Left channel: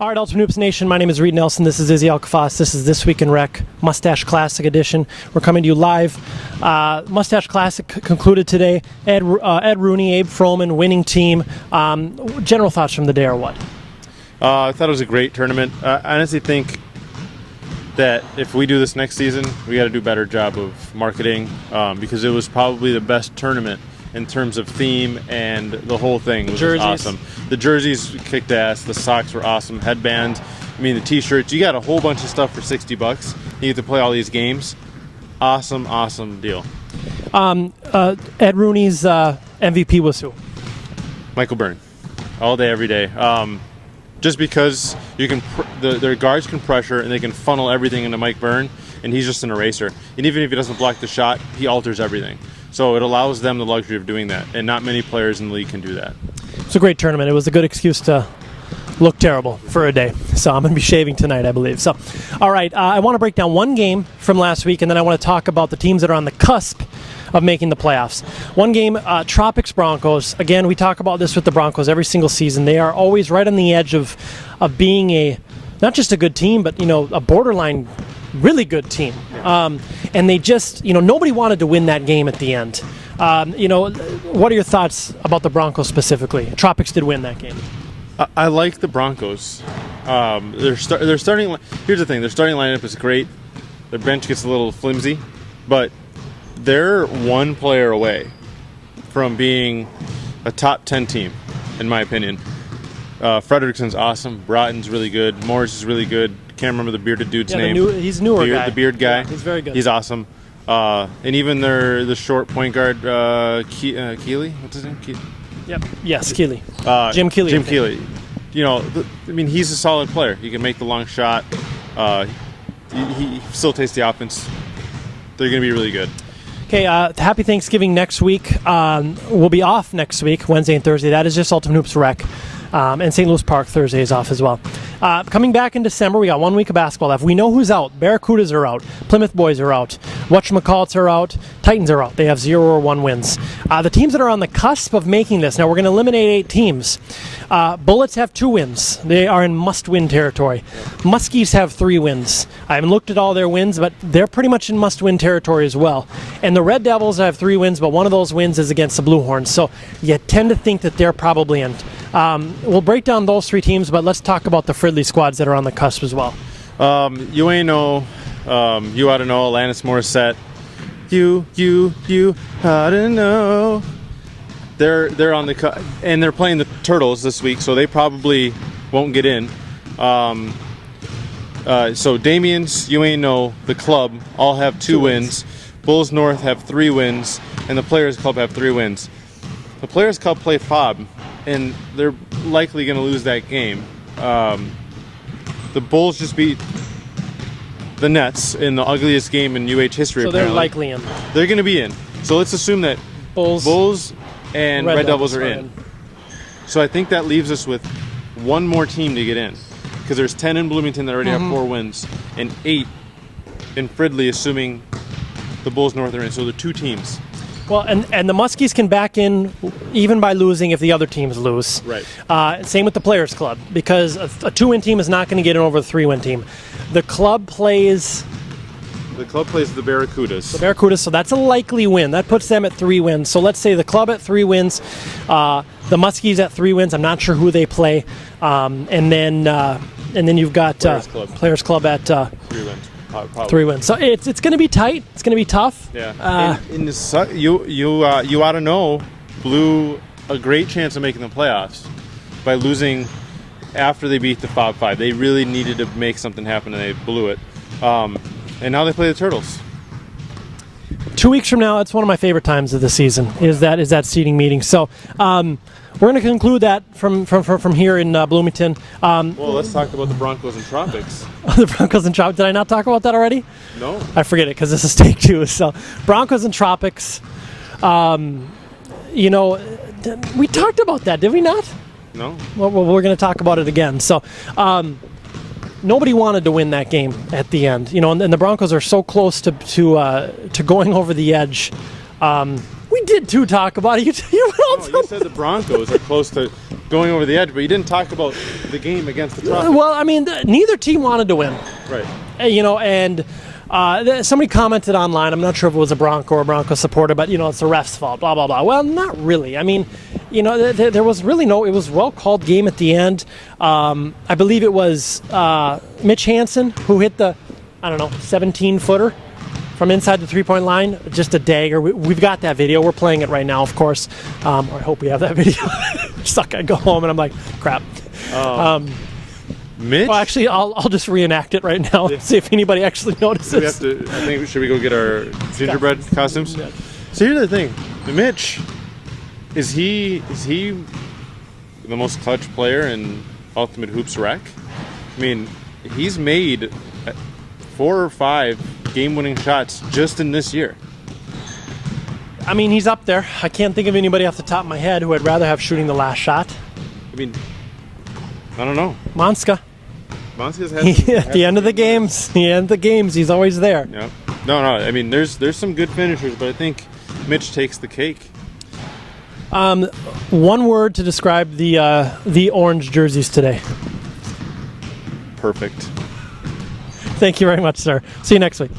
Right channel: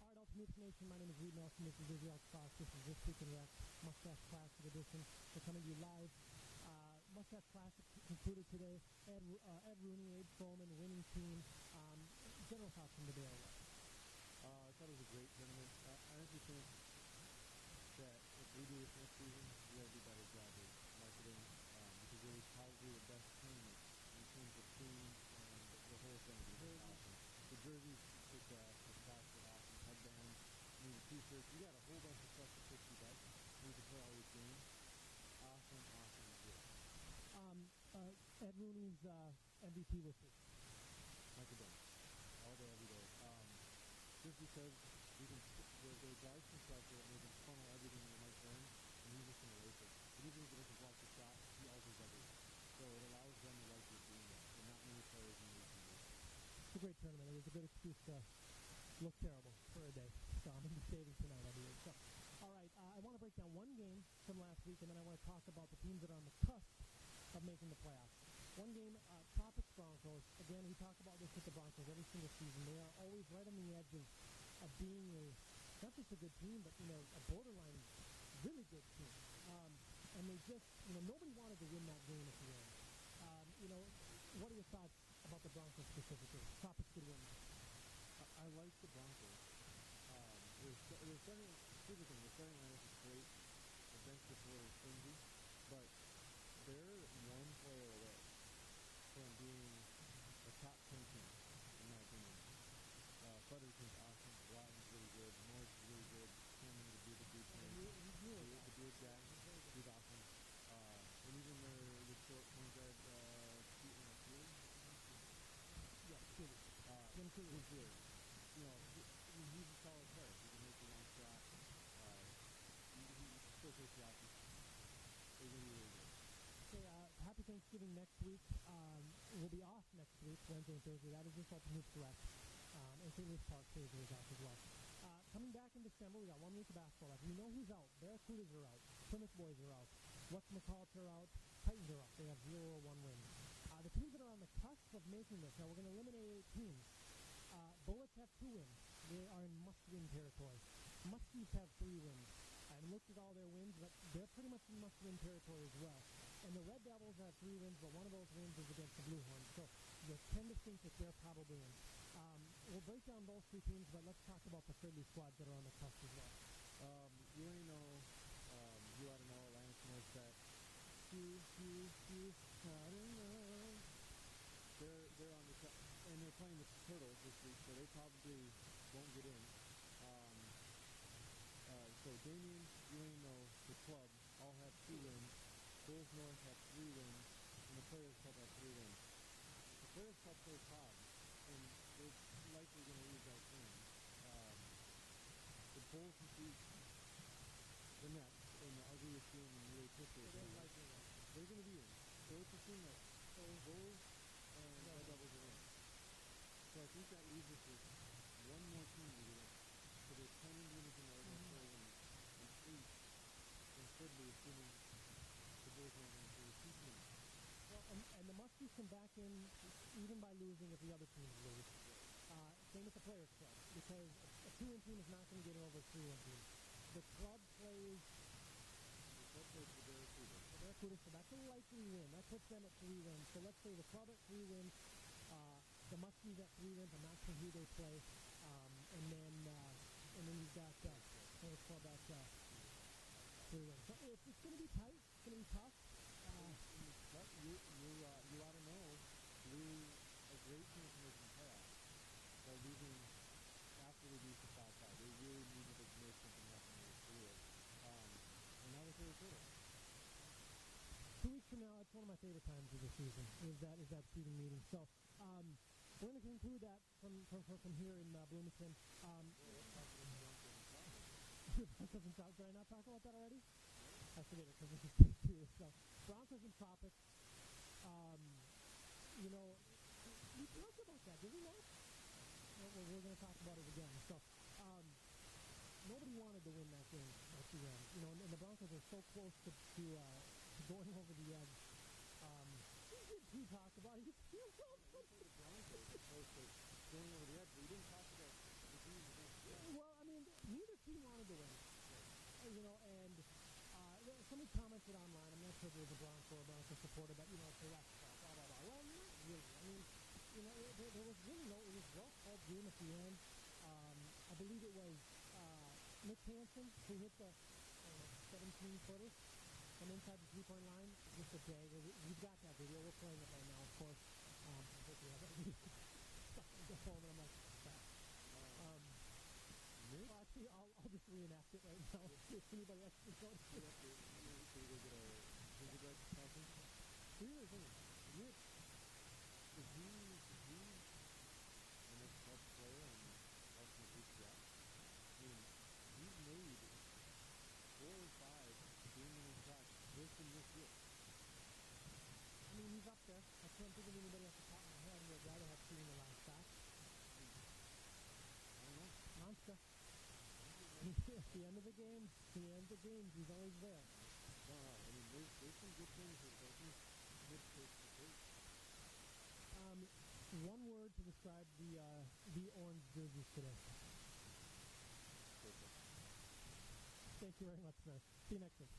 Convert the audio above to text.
All right, Ultimate Hoops Nation, my name is Reid Nelson. This is Izzy Alkafas. This is This Week in Rec, Mustache Classic edition. We're coming to you live. Mustache Classic concluded today. Ed Rooney, Abe Froman, winning team. General thoughts from the day or what? I thought it was a great tournament. I honestly think that if we do this next season, we got to do a better job of marketing because it was probably the best tournament in terms of theme and the whole thing was just awesome. The jerseys kicked ass. The socks were awesome. Headbands. I mean, the T-shirts. You got a whole bunch of stuff for $60. You get to play all these games. Awesome deal. Ed Rooney's MVP was who? Michael Byrne. All day, every day. Just because you can, their guards can pressure and they can funnel everything into Mike Byrne, and he's just an eraser. And even if he doesn't block the shot, he alters everything. So it allows them the luxury of doing that, and not many players in the league can do that. It's a great tournament. It was a good excuse to look terrible for a day. So I'm going to be shaving tonight, I believe. So, all right, I want to break down one game from last week, and then I want to talk about the teams that are on the cusp of making the playoffs. One game, Tropics Broncos. Again, we talk about this with the Broncos every single season. They are always right on the edge of being not just a good team, but a borderline really good team. And they just, nobody wanted to win that game at the end. What are your thoughts about the Broncos specifically? Tropics did win that game. I like the Broncos. Their starting. Here's the thing: their starting lineup is great. Their bench gets a little flimsy, but they're one player away from being a top 10 team, in my opinion. Frederickson's awesome. Broughton's really good. Morris is really good. Can't remember the bearded dude's name. He's newer guy. The beard guy. Yeah, he's very good. He's awesome. And even the short point guard, Keeley. What's his name? Yep. Yes, Keeley. Jim Keeley. Jim Keeley. He's a solid player. He can make the long shot. He still tastes the offense. They're going to be really good. Okay, happy Thanksgiving next week. We'll be off next week, Wednesday and Thursday. That is just Ultimate Hoops Rec. And St. Louis Park Thursday is off as well. Coming back in December, we got 1 week of basketball left. We know who's out. Barracudas are out. Plymouth boys are out. Whatchamacallits are out. Titans are out. They have 0 or 1 wins. The teams that are on the cusp of making this, now we're going to eliminate 8 teams. Bullets have 2 wins. They are in must-win territory. Muskies have 3 wins. I haven't looked at all their wins, but they're pretty much in must-win territory as well. And the Red Devils have 3 wins, but one of those wins is against the Blue Horns. So you tend to think that they're probably in. We'll break down those 3 teams, but let's talk about the Fridley squads that are on the cusp as well. You ain't know. You ought to know. Alanis Morissette. You ought to know. They're on the and they're playing the Turtles this week, so they probably won't get in. So Damien's, you ain't know, the club all have 2 wins. Bulls North have 3 wins, and the Players Club have 3 wins. The Players Club play FOB, and they're likely going to lose that game. The Bulls just beat the Nets in the ugliest game in UH history. So they're likely in. They're going to be in. So let's assume that Bulls and Red Devils are in. So I think that leaves us with 1 more team to get in, because there's 10 in Bloomington that already have 4 wins, and 8 in Fridley, assuming the Bulls North are in. So there are 2 teams. Well, and the Muskies can back in even by losing if the other teams lose. Right. Same with the Players Club, because a 2-win team is not going to get in over a 3-win team. The club plays the Barracudas, so that's a likely win. That puts them at 3 wins. So let's say the club at 3 wins, the Muskies at 3 wins. I'm not sure who they play, and then you've got Players Club at 3 wins. Probably. 3 wins. So it's going to be tight. It's going to be tough. Yeah. You ought to know, blew a great chance of making the playoffs by losing after they beat the FOB 5. They really needed to make something happen, and they blew it. And now they play the Turtles. 2 weeks from now, it's one of my favorite times of the season. Is that seeding meeting. So we're going to conclude that from here in Bloomington. Well, let's talk about the Broncos and Tropics. The Broncos and Tropics. Did I not talk about that already? No. I forget it because this is take 2. So Broncos and Tropics. We talked about that, did we not? No. Well, we're going to talk about it again. So nobody wanted to win that game at the end. And the Broncos are so close to going over the edge. We We did too talk about it. You went You said the Broncos are close to going over the edge, but you didn't talk about the game against the Tropics. Well, I mean, neither team wanted to win. Right. You know, and somebody commented online, I'm not sure if it was a Bronco or a Bronco supporter, but, it's the ref's fault, blah, blah, blah. Well, not really. I mean, there was really it was a well-called game at the end. I believe it was Mitch Hansen who hit the, 17-footer from inside the three-point line, just a dagger. We've got that video. We're playing it right now, of course. Or I hope we have that video. Suck, I go home and I'm like, crap. Mitch? Well, actually, I'll just reenact it right now and see if anybody actually notices. Should we go get our gingerbread costumes? Yeah. So here's the thing. Mitch, is he the most clutch player in Ultimate Hoops Rec? I mean, he's made 4 or 5 game-winning shots just in this year. I mean, he's up there. I can't think of anybody off the top of my head who I'd rather have shooting the last shot. I mean, I don't know. Monska. Monska's had At the end of the games, he's always there. Yeah. No. I mean, there's some good finishers, but I think Mitch takes the cake. One word to describe the orange jerseys today. Perfect. Thank you very much, sir. See you next week.